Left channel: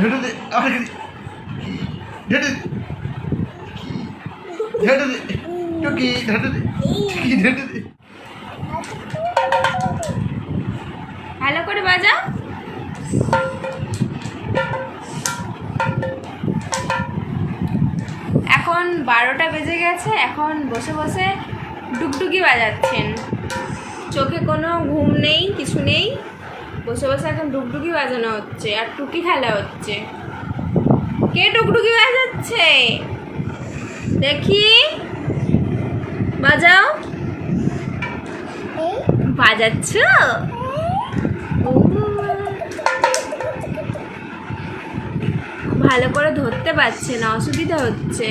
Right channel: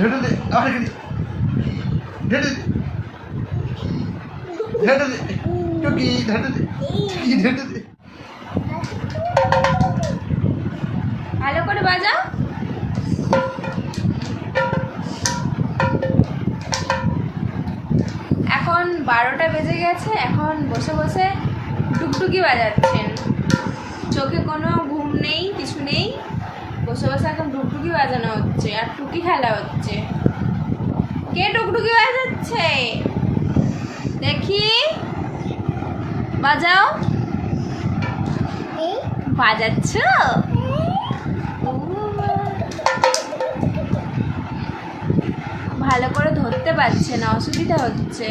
ঢেটে দে আর ঢেটে দে ঢেটে দে টুকি ঢেটে দে টুকি ঢেটে দে ভালো করে বাজাও। এখন 12টা বেজে গেছে, এখন বসে বসে ডুগডুগি বাজাচ্ছেন। চোখে কোনো ঘুম নেই, কিছু নেই, বসে বসে এখন ডুগডুগি বাজানো হচ্ছে আর টুকি খেলা হচ্ছে। কে ডুগডুগি বাজাচ্ছে দেখি? বাজাও। বাজাচ্ছ? ভালো করে ধরতে পারছে না, অসুবিধা হচ্ছে।